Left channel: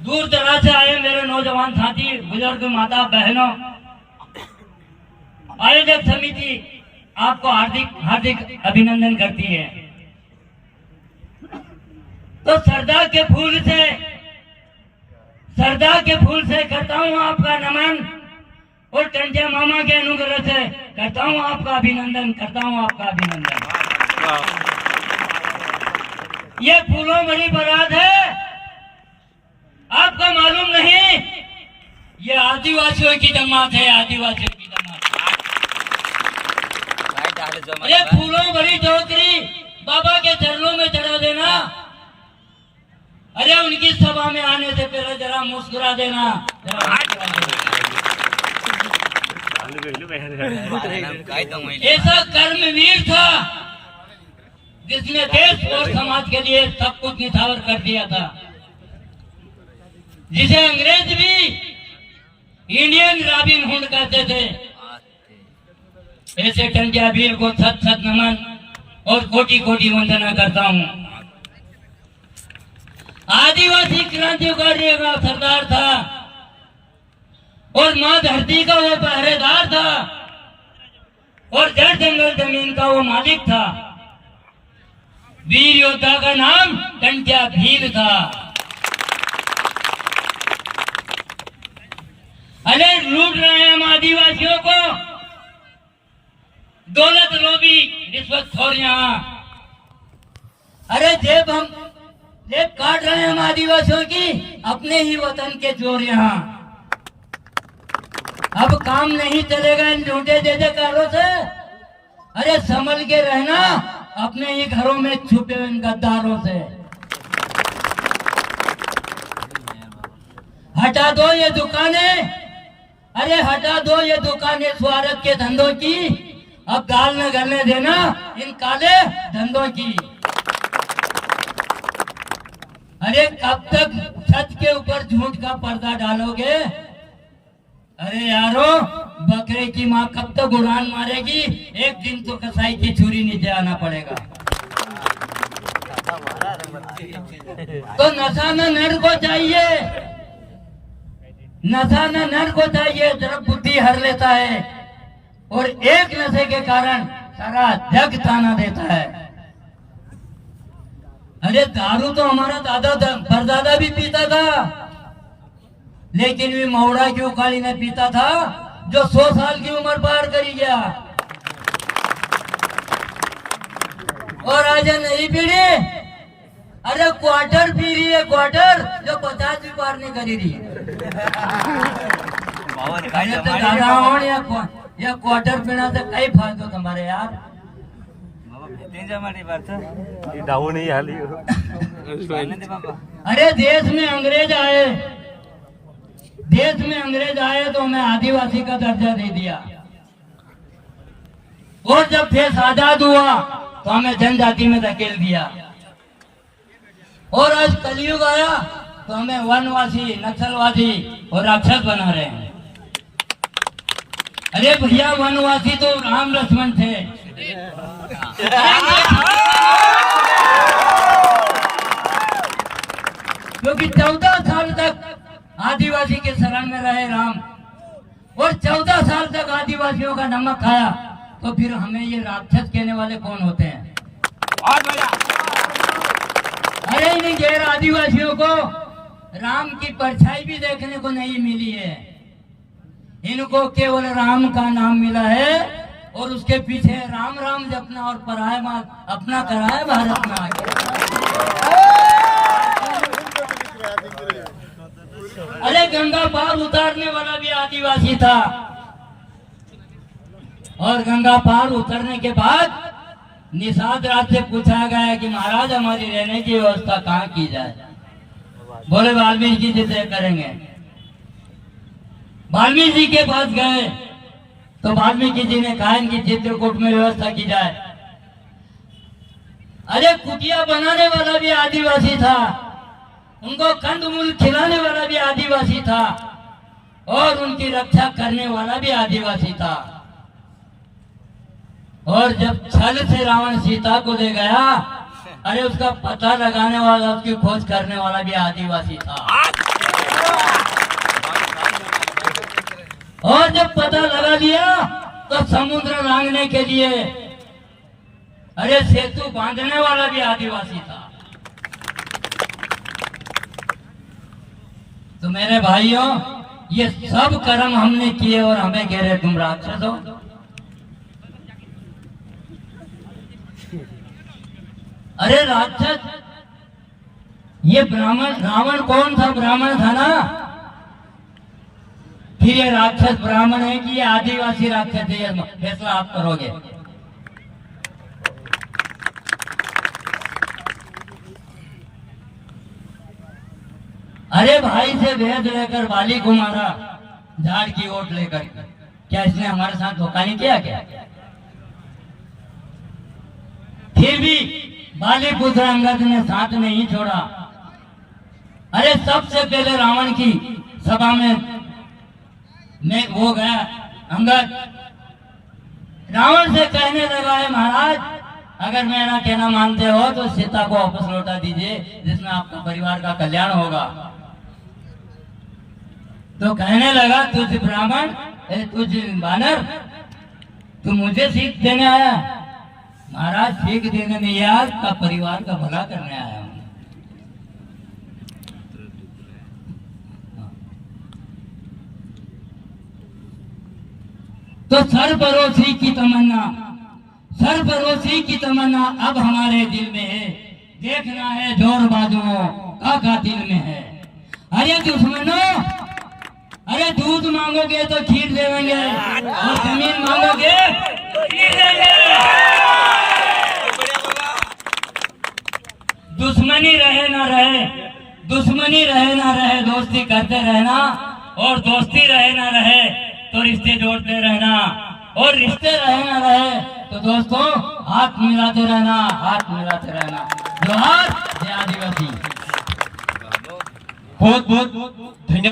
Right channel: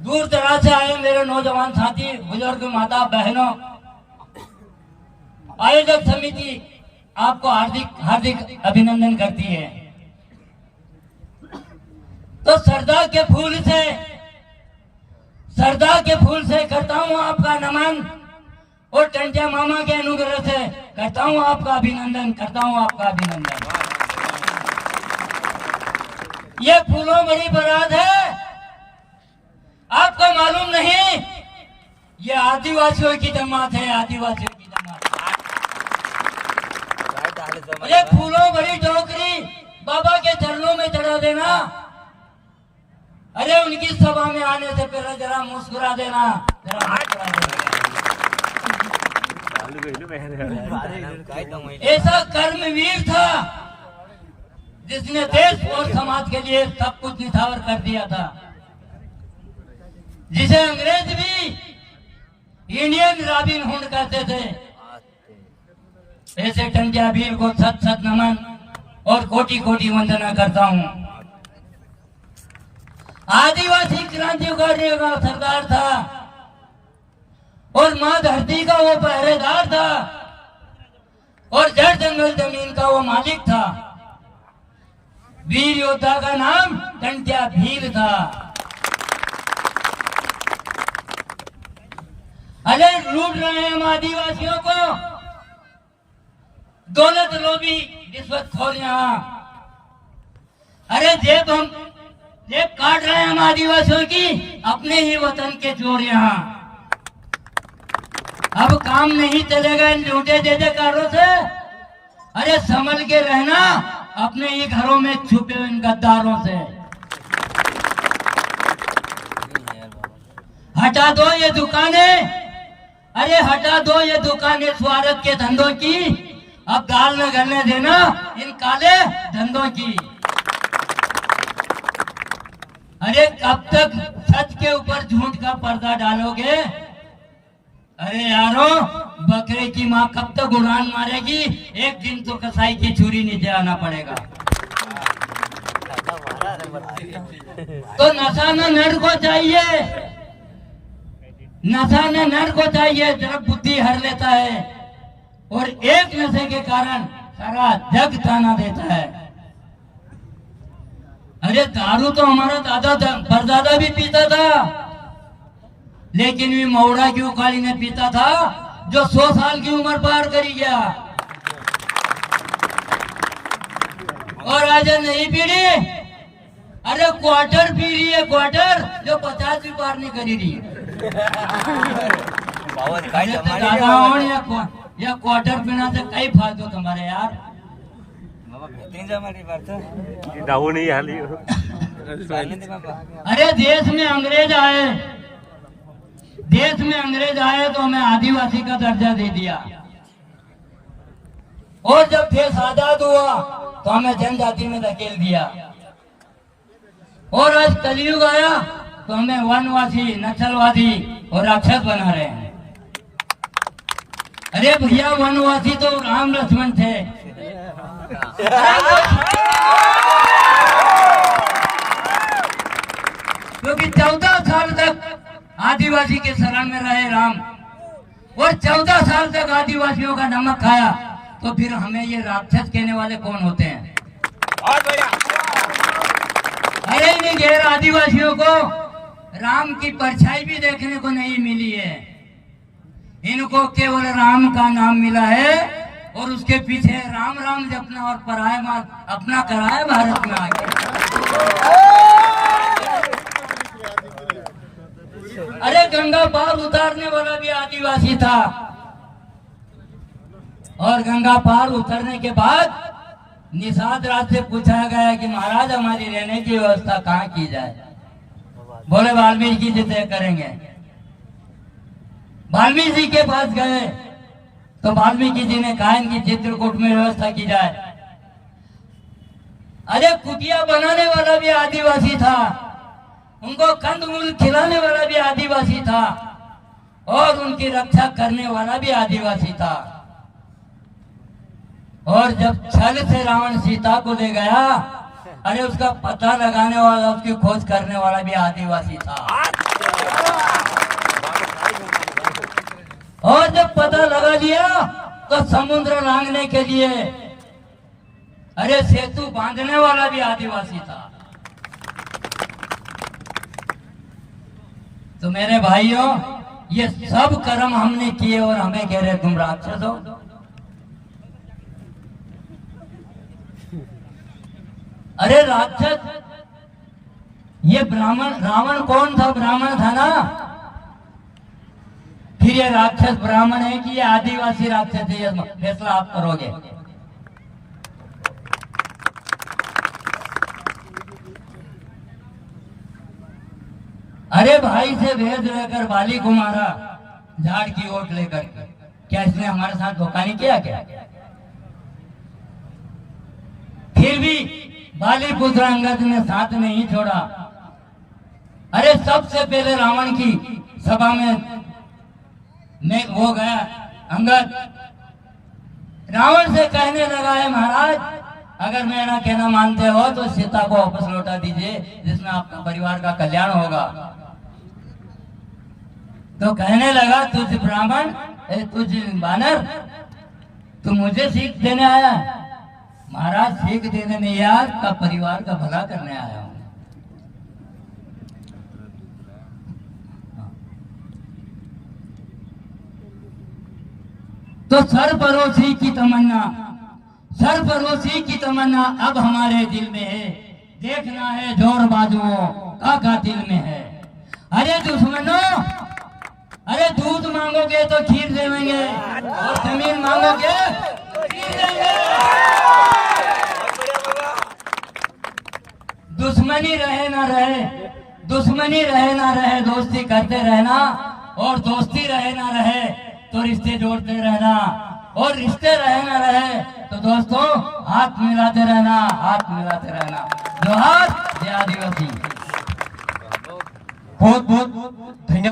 दूर दराज से आए मेरे नौजवान साथी, बुजुर्ग, माता बहनों, आयोजक समिति आपको हार्दिक हार्दिक अभिनंदन करती है। तो सरदार के फूल से करता हूं आपका नमन, और टंटिया मामा के अनुग्रह से करता हूं आपका अभिनंदन, ये फूलों भरी बारात है, आपको मालूम नहीं, ये आदिवासियों की जमात है, अरे फूलों भरी टोकरी बाबा के चरणों में चढ़ा देना, अरे उनकी सभा में आने से पहले जरा मुस्कुरा देना, ऐसा कर्मवीर था जिसने देश और समाज के लिए सब कुछ निछावर कर दिया था, जिसे अंग्रेज भी इंडियन रॉबिन हुड कहते थे। ऐसे टंटिया वीर को सत सत नमन और कोटि कोटि वंदना करता हूं। आदिवासी क्रांतिकारी का सरदार था और मां धरती का वो पहरेदार था और जड़ जंगल जमीन का वो मालिक था। वीर योद्धा का नाम टंटिया भील था। अरे लूट रहे हैं हम आदिवासियों को, दौलत लोभी रिश्वतखोर यहाँ, अरे जेब काट रहे हैं हम आदिवासियों की, अपने ही वतन के चोर यहाँ। अब काम नहीं चलेगा इन झूठे जयकारों से, अरे संभल के रहना अपने ही घरों में छुपे इन गद्दारों से। हटा दो ये दुकानें, अरे हटा दो ये दुकानें स्वार्थ के धंधों की, अब दाल न गलने देना इन काले धंधों की। अरे कब तक सच के ऊपर झूठ का पर्दा डालोगे? अरे यारो, बकरे की माँ कब तक उड़ान मारेगी? एक दिन तो कसाई की छुरी नीचे आना पड़ेगा। तो नशा न नर को चाहिए, नशा न नर को चाहिए, जरा बुद्धि हर लेता है और एक नशे के कारण सारा जग ताना देता है। अरे दारू तो हमारा दादा परदादा भी पीता था, लेकिन भी मौड़ा की उकाली में पीता था जो 100 साल की उम्र पार करी गया। और आज नई पीढ़ी अरे क्वार्टर पी रही है, क्वार्टर जो 50 भी पार नहीं करी रही। अरे तो दादा हो या क्वार्टर पीना से कई फायदो तुम्हारे यार। अरे देश में अंग्रेज आए तो हमें आदिवासी का दर्जा दे दिया, और जब देश आजाद हुआ तो हमें जनजाति में धकेल दिया, और आज कलयुग आया तो हमें वनवासी, नक्सलवादी और राक्षस बना रहे हैं। अरे भैया, वनवासी तो राम लक्ष्मण थे। क्योंकि 14 साल तक आदिवासी के शरण में रहे राम, और 14 साल तक आदिवासियों का नमक खाया, तो फिर हमें ये राक्षस कहने वाले कौन होते हैं? अरे इन गैर आदिवासियों को राम की परछाई भी देखने को नहीं मिली है। इनको केवल राम का नाम मिला है और उसके पीछे राम राम जपना और पराये माल अपना कराए भारत में आके। अरे गंगा पार उतारने वाला भी आदिवासी था, और गंगा पार उतरने के बाद निषाद राज से पूछा गया कि महाराज हमारी रहने की व्यवस्था कहाँ की जाए? बोले वाल्मीकि जी तय करेंगे। वाल्मीकि जी के पास गए तो वाल्मीकि जी ने कहा इनकी चित्रकूट में व्यवस्था की जाए। अरे कुटिया बनाने वाला भी आदिवासी था, उनको कंदमूल खिलाने वाला भी आदिवासी था, और उनकी रक्षा करने वाला भी आदिवासी था। और जब छल से रावण सीता को ले गया, अरे उसका पता लगाने वाला, उसकी खोज करने वाला भी आदिवासी था। और जब पता लगा लिया तो समुद्र लांघने के लिए अरे सेतु बांधने वाला भी आदिवासी था। तो मेरे भाइयों, ये सब कर्म हमने किए और हमें कह रहे तुम राक्षस हो। अरे राक्षस, ये ब्राह्मण, रावण कौन था? ब्राह्मण था ना। फिर ये राक्षस ब्राह्मण है कि ये आदिवासी राक्षस है, ये फैसला आप करोगे। अरे भाई से भेद लेकर बाली को मारा, झाड़ की ओट लेकर। क्या इसने हमारे साथ धोखा नहीं किया क्या? फिर भी बाली पुत्र अंगद ने साथ नहीं छोड़ा। अरे सबसे पहले रावण की सभा में वो गया अंगद, रावण से कहने लगा है महाराज, अगर मेरा कहना मानते हो तो सीता को वापस लौटा दीजिए, जिसमें आपका परिवार का कल्याण होगा। तो कहने लगा, तुझ ब्राह्मण, तुझ बानर, तू मुझे सीख देने आया? महाराज, सीख देने नहीं आया, का परिवार का भला करने आया हूं। तो सरफरोशी की तमन्ना, सरफरोशी की तमन्ना अब हमारे दिल में है। देखना है जोर बाजुओं का दिल में है। अरे दुश्मनों, अरे दूध मांगोगे तो खीर देंगे, और जमीन मांगोगे तो खीर देंगे। दुश्मनी रहे ना रहे, दुश्मनी रहे ना रहे, दोस्ती करते रहना, और दोस्ती रहे ना रहे तो रिश्ते जोड़ते रहना, और रिश्ते रहे ना रहे तो दोस्तों हाथ मिलाते रहना, हाथ मिलाते रहना। जोहार जय आदिवासी। बहुत बहुत धन्यवाद।